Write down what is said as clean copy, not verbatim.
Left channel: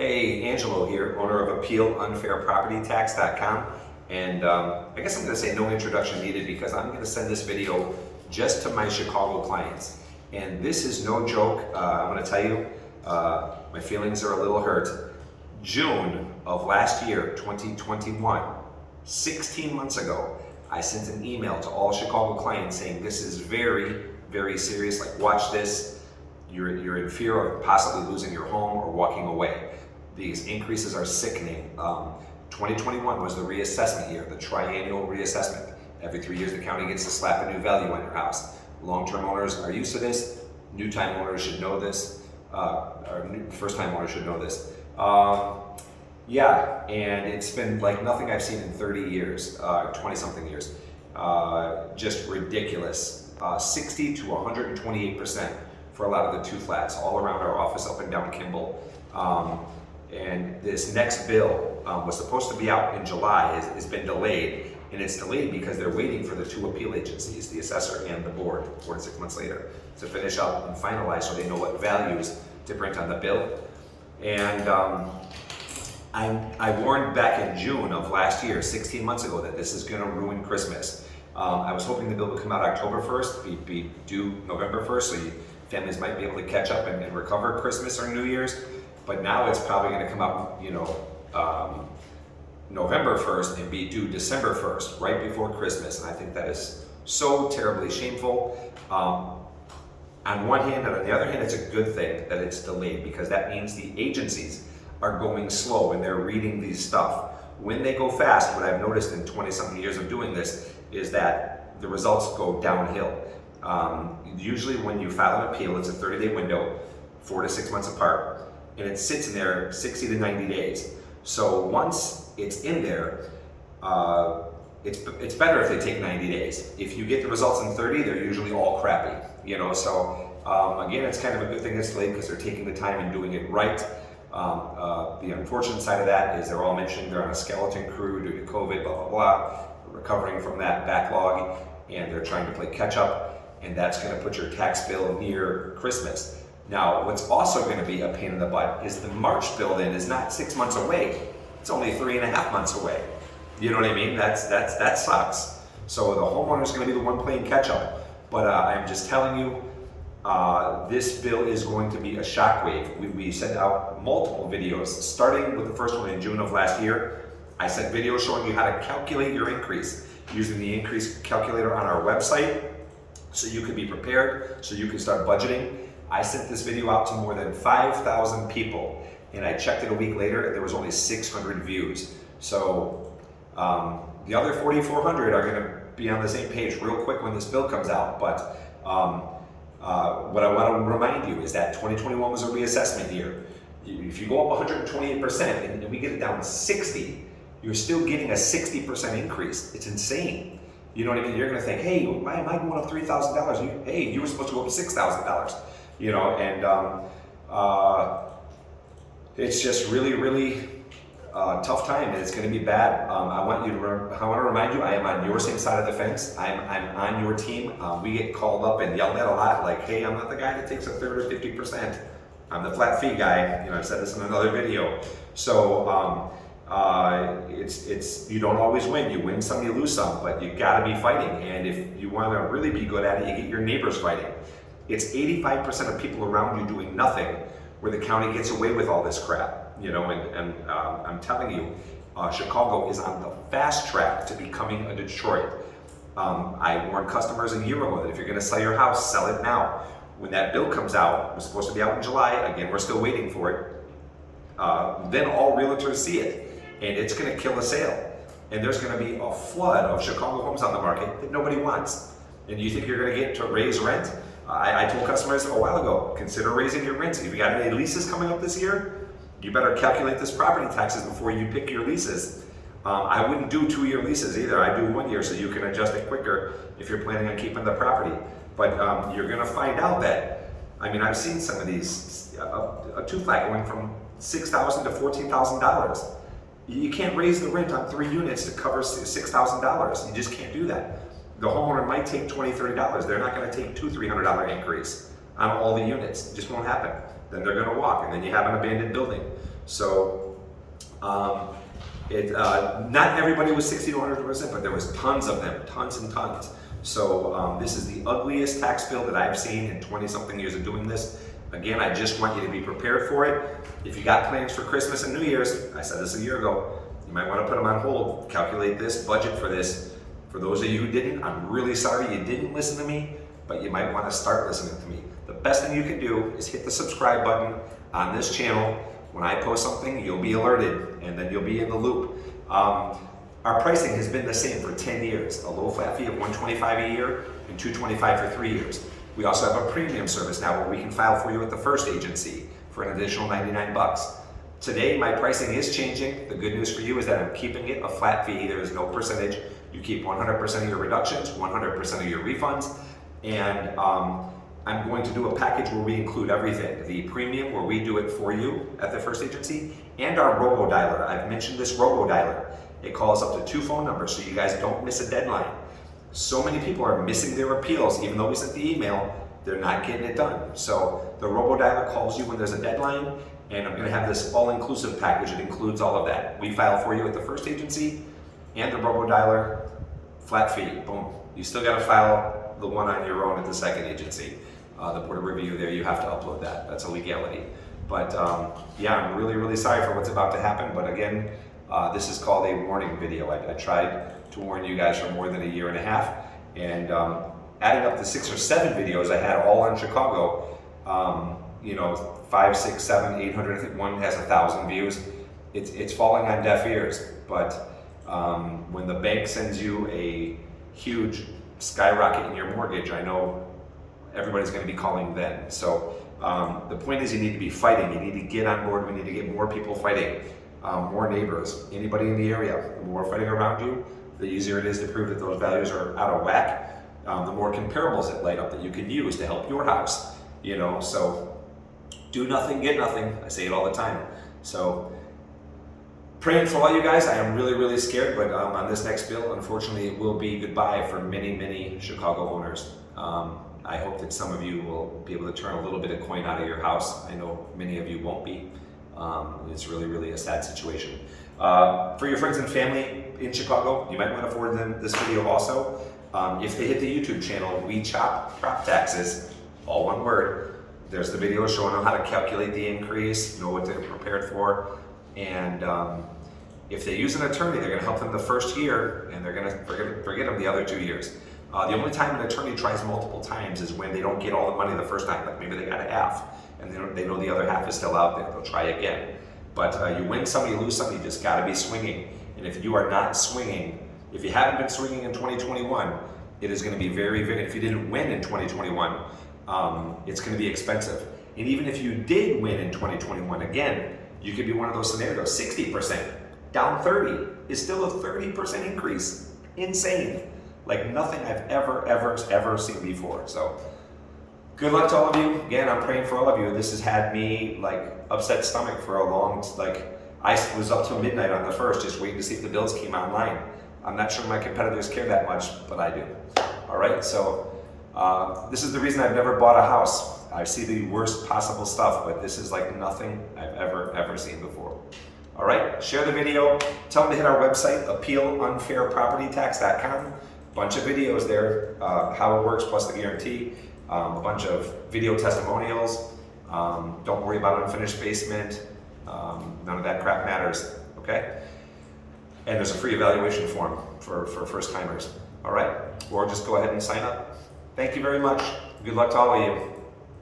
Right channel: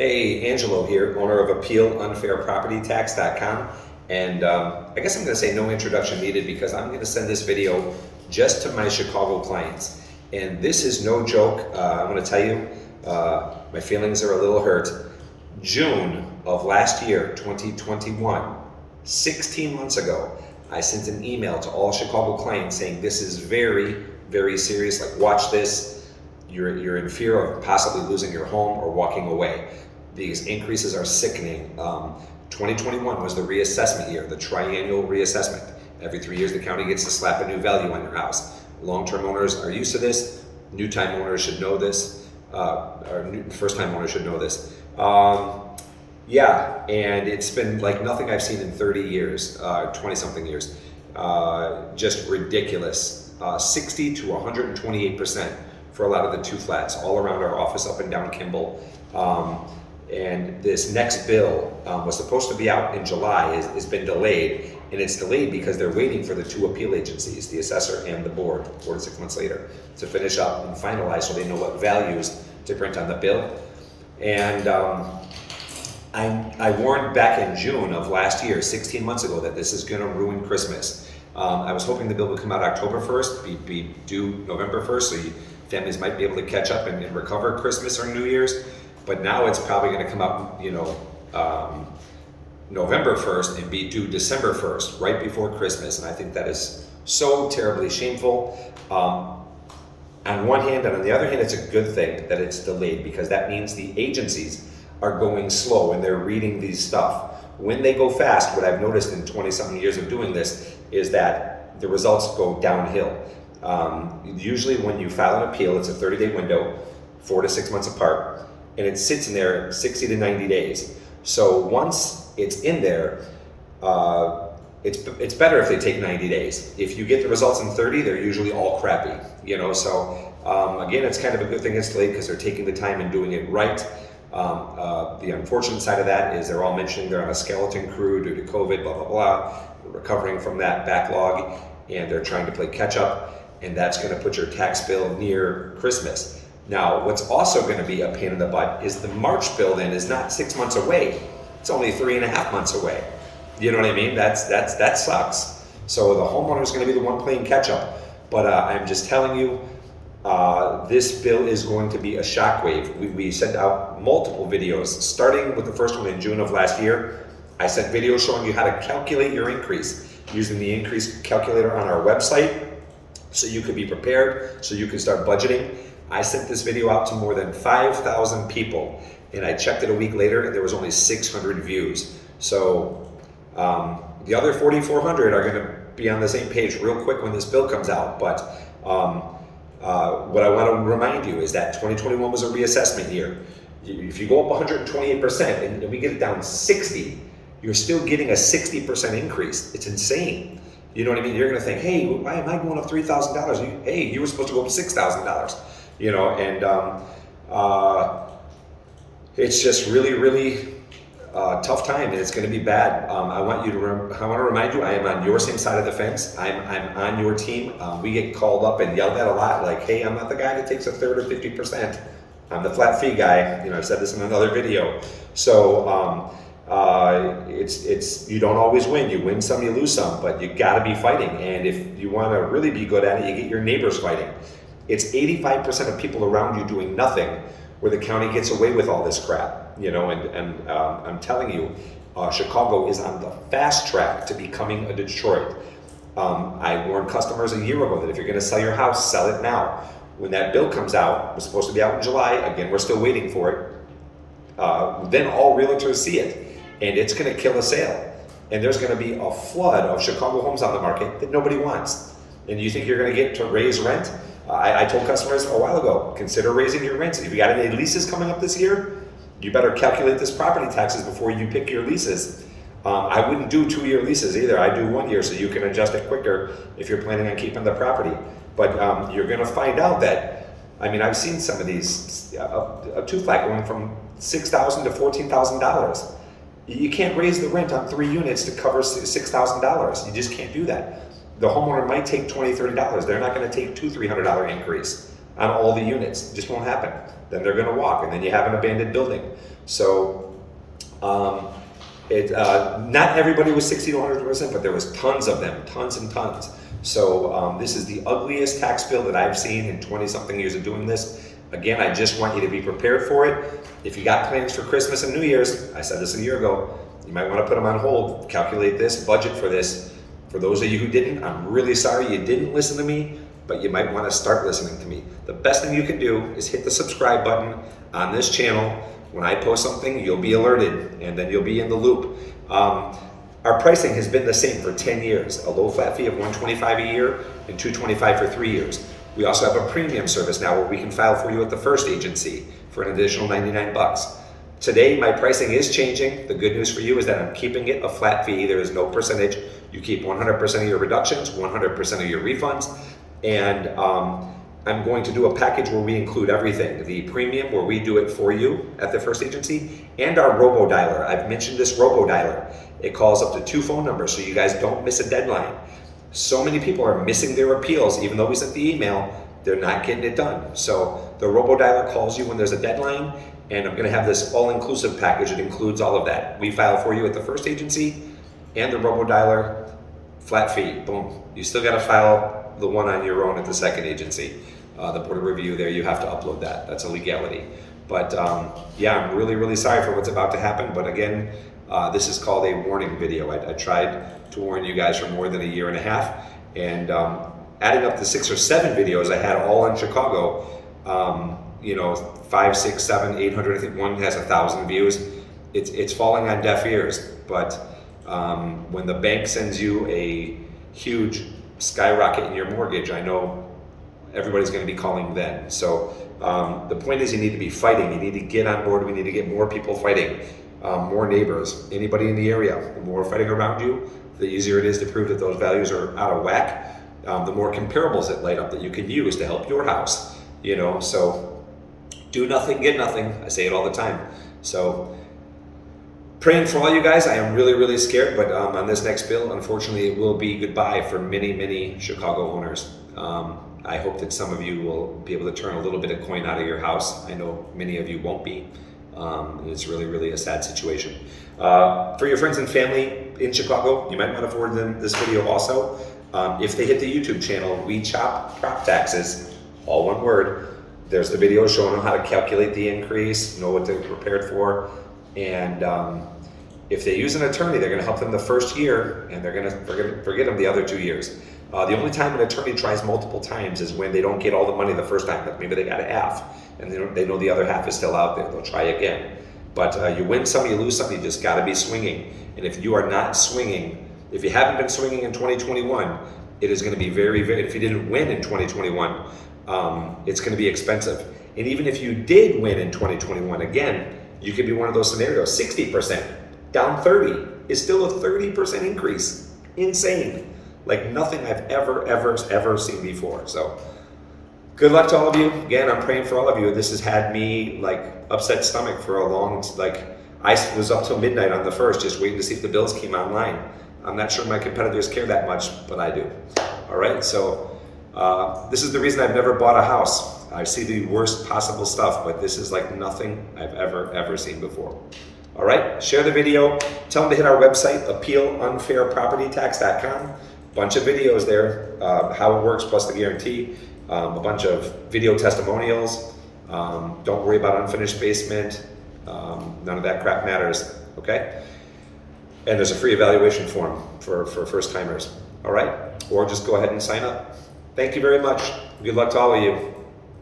Hey, Angelo here, owner of AppealUnfairPropertyTax.com. And I guess I'm going to say no introduction needed because I'm going to send this video just to my Chicago clients. And this is no joke. I'm going to tell you, my feelings are a little hurt. June of last year, 2021, 16 months ago, I sent an email to all Chicago clients saying this is very, very serious. Like, watch this. You're in fear of possibly losing your home or walking away. These increases are sickening. 2021 was the reassessment year, the triennial reassessment. Every 3 years, the county gets to slap a new value on your house. Long-term owners are used to this. New-time owners should know this. First-time owners should know this. Yeah, and it's been like nothing I've seen in 30 years, 20-something years. Just ridiculous. 60 to 128% for a lot of the two flats all around our office up and down Kimball. And this next bill was supposed to be out in July, has been delayed, and it's delayed because they're waiting for the two appeal agencies, the assessor and the board, 4 to 6 months later, to finish up and finalize so they know what values to print on the bill. And I warned back in June of last year, 16 months ago, that this is gonna ruin Christmas. I was hoping the bill would come out October 1st, be due November 1st, so families might be able to catch up and recover Christmas or New Year's. But now it's probably going to come out, November 1st and be due December 1st, right before Christmas. And I think that is so terribly shameful. On one hand, and on the other hand, it's a good thing that it's delayed because that means the agencies are going slow and they're reading these stuff. When they go fast, what I've noticed in 20-something years of doing this is that the results go downhill. Usually when you file an appeal, it's a 30-day window, 4 to 6 months apart. And it sits in there 60 to 90 days. So once it's in there, it's better if they take 90 days. If you get the results in 30, they're usually all crappy, So again, it's kind of a good thing it's delayed because they're taking the time and doing it right. The unfortunate side of that is they're all mentioning they're on a skeleton crew due to COVID, blah, blah, blah, recovering from that backlog, and they're trying to play catch up, and that's gonna put your tax bill near Christmas. Now, what's also going to be a pain in the butt is the March bill-in is not 6 months away. It's only 3.5 months away. You know what I mean? That sucks. So the homeowner is going to be the one playing catch-up. But I'm just telling you, this bill is going to be a shockwave. We sent out multiple videos, starting with the first one in June of last year. I sent videos showing you how to calculate your increase using the increase calculator on our website so you could be prepared, so you can start budgeting. I sent this video out to more than 5,000 people, and I checked it a week later, and there was only 600 views. So the other 4,400 are gonna be on the same page real quick when this bill comes out. But what I wanna remind you is that 2021 was a reassessment year. If you go up 128% and we get it down 60, you're still getting a 60% increase. It's insane. You know what I mean? You're gonna think, hey, why am I going up $3,000? Hey, you were supposed to go up $6,000. It's just really, really tough time, and it's going to be bad. I want to remind you, I am on your same side of the fence. I'm on your team. We get called up and yelled at a lot, like, hey, I'm not the guy that takes a third or 50%. I'm the flat fee guy. I've said this in another video. So it's you don't always win. You win some, you lose some, but you got to be fighting. And if you want to really be good at it, you get your neighbors fighting. It's 85% of people around you doing nothing where the county gets away with all this crap, I'm telling you, Chicago is on the fast track to becoming a Detroit. I warned customers a year ago that if you're gonna sell your house, sell it now. When that bill comes out, it was supposed to be out in July, again, we're still waiting for it, then all realtors see it, and it's gonna kill a sale. And there's gonna be a flood of Chicago homes on the market that nobody wants. And you think you're gonna get to raise rent? I told customers a while ago, consider raising your rents. If you got any leases coming up this year, you better calculate this property taxes before you pick your leases. I wouldn't do 2-year leases either. I do 1 year so you can adjust it quicker if you're planning on keeping the property. But you're gonna find out that, I've seen some of these, a two-flat going from $6,000 to $14,000. You can't raise the rent on 3 units to cover $6,000. You just can't do that. The homeowner might take $20, $30. They're not going to take $200, $300 increase on all the units. It just won't happen. Then they're going to walk, and then you have an abandoned building. So not everybody was 60 to 100%, but there was tons of them, tons and tons. So this is the ugliest tax bill that I've seen in 20-something years of doing this. Again, I just want you to be prepared for it. If you got plans for Christmas and New Year's, I said this a year ago, you might want to put them on hold, calculate this, budget for this. For those of you who didn't, I'm really sorry you didn't listen to me, but you might want to start listening to me. The best thing you can do is hit the subscribe button on this channel. When I post something, you'll be alerted, and then you'll be in the loop. Our pricing has been the same for 10 years, a low flat fee of $125 a year and $225 for 3 years. We also have a premium service now where we can file for you at the first agency for an additional $99. Today, my pricing is changing. The good news for you is that I'm keeping it a flat fee. There is no percentage. You keep 100% of your reductions, 100% of your refunds, and I'm going to do a package where we include everything. The premium, where we do it for you at the first agency, and our robo-dialer. I've mentioned this robo-dialer. It calls up to 2 phone numbers so you guys don't miss a deadline. So many people are missing their appeals, even though we sent the email, they're not getting it done. So the robo-dialer calls you when there's a deadline, and I'm gonna have this all-inclusive package. It includes all of that. We file for you at the first agency, and the robo-dialer, flat fee, boom. You still gotta file the one on your own at the second agency. The board of review there, you have to upload that. That's a legality. But yeah, I'm really, really sorry for what's about to happen. But again, this is called a warning video. I tried to warn you guys for more than a year and a half. And adding up the 6 or 7 videos I had all on Chicago, you know, 5, 6, 7, 800, I think one has 1,000 views. It's falling on deaf ears. But when the bank sends you a huge skyrocket in your mortgage, I know everybody's going to be calling then. So the point is, you need to be fighting. You need to get on board. We need to get more people fighting, more neighbors, anybody in the area. The more fighting around you, the easier it is to prove that those values are out of whack. The more comparables that light up that you can use to help your house. You know, so do nothing, get nothing. I say it all the time. So praying for all you guys. I am really, really scared, but on this next bill, unfortunately, it will be goodbye for many, many Chicago owners. I hope that some of you will be able to turn a little bit of coin out of your house. I know many of you won't be. It's really, really a sad situation. For your friends and family in Chicago, you might want to forward them this video also. If they hit the YouTube channel, WeChopPropTaxes, all one word, there's the video showing them how to calculate the increase, know what they're prepared for. And if they use an attorney, they're going to help them the first year, and they're going to forget them the other 2 years. The only time an attorney tries multiple times is when they don't get all the money the first time. Like maybe they got a half, and they know the other half is still out there. They'll try again. But you win some, you lose some. You just got to be swinging. And if you are not swinging, if you haven't been swinging in 2021, it is going to be very, very. If you didn't win in 2021, it's going to be expensive. And even if you did win in 2021, again, you could be one of those scenarios. 60% down 30 is still a 30% increase. Insane. Like nothing I've ever seen before. So good luck to all of you. Again, I'm praying for all of you. This has had me like upset stomach for a long, like I was up till midnight on the 1st just waiting to see if the bills came online. I'm not sure my competitors care that much, but I do. All right, so this is the reason I've never bought a house. I see the worst possible stuff, but this is like nothing I've ever seen before. All right, share the video. Tell them to hit our website, appealunfairpropertytax.com. Bunch of videos there, how it works plus the guarantee, a bunch of video testimonials. Don't worry about unfinished basement. None of that crap matters, okay? And there's a free evaluation form for first timers, all right? Or just go ahead and sign up. Thank you very much. Good luck to all of you.